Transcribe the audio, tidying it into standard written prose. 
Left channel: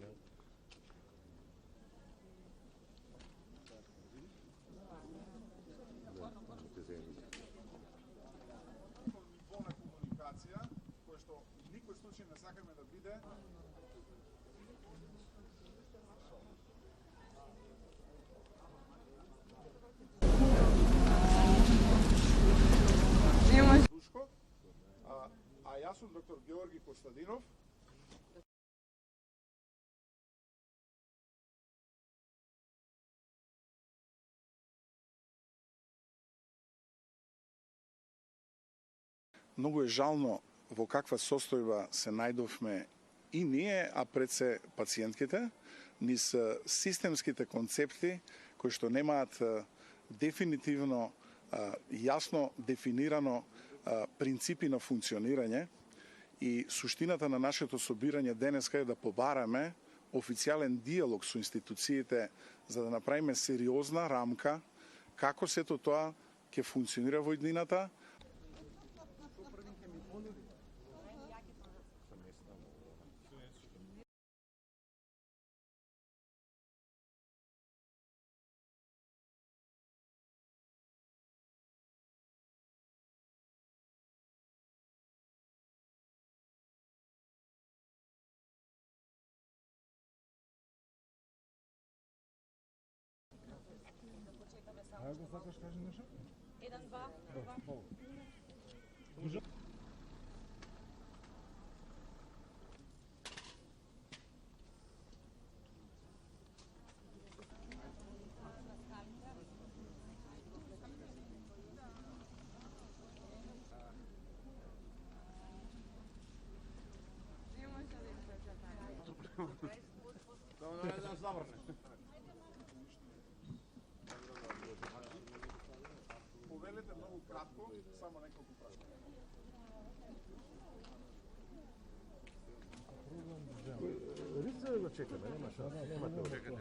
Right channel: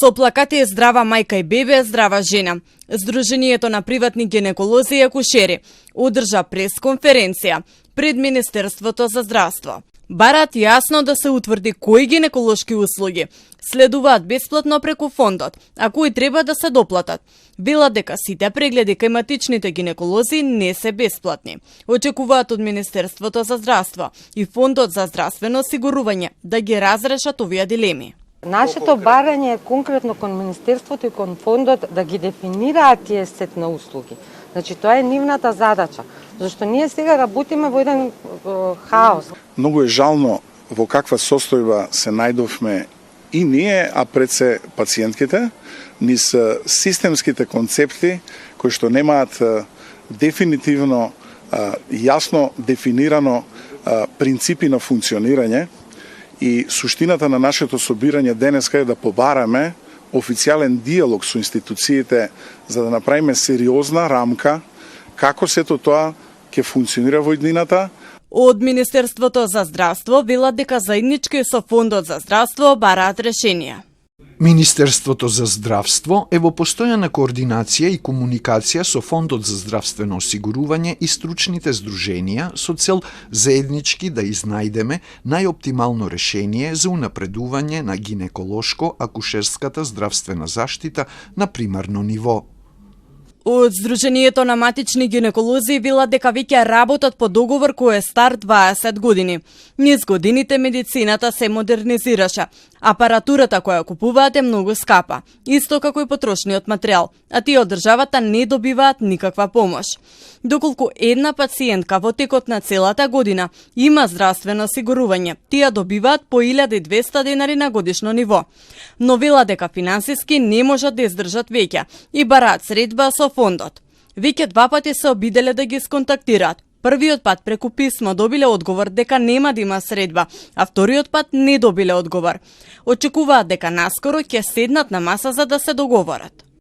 Со плакати е здрава мајка и бебе, здрава жена. Сдруженијето на приватни гинеколози и акушери одржа пресконференција пред Министерството за здравство. Барат јасно да се утврди кои гинеколошки услуги следуваат бесплатно преку фондот, а кои треба да се доплатат. Велат дека сите прегледи кај матичните гинеколози не се бесплатни. Очекуваат од Министерството за здравство и Фондот за здравствено осигурување да ги разрешат овие дилеми. Нашето барање е конкретно кон Министерството и кон Фондот да ги дефинираат тие сет на услуги. Значи, тоа е нивната задача, зашто ние сега работиме во еден хаос. Многу е жално во каква состојба се најдовме и ние, а пред се пациентките, низ системските концепти кои што немаат дефинитивно јасно дефинирано принципи на функционирање. И суштината на нашето собирање денеска е да побараме официјален диалог со институциите за да направиме сериозна рамка како сето тоа ќе функционира во иднината. Од Министерството за здравство велат дека заеднички со Фондот за здравство бараат решенија. Министерството за здравство е во постојана координација и комуникација со Фондот за здравствено осигурување и стручните здруженија со цел заеднички да изнајдеме најоптимално решение за унапредување на гинеколошко-акушерската здравствена заштита на примарно ниво. Од Сдруженијето на матични гинеколози велат дека веќе работат по договор кој е стар 20 години. Низ годините медицината се модернизираше. Апаратурата која купуваат е многу скапа, исто како и потрошниот материјал, а тие од државата не добиваат никаква помош. Доколку една пациентка во текот на целата година има здравствено осигурување, тие добиваат по 1200 денари на годишно ниво. Но велат дека финансиски не можат да издржат веќе и бараат средба со Фондот. Веќе 2 пати се обиделе да ги сконтактираат. Првиот пат преку писмо добиле одговор дека нема да има средба, а вториот пат не добиле одговор. Очекуваат дека наскоро ќе седнат на маса за да се договорат.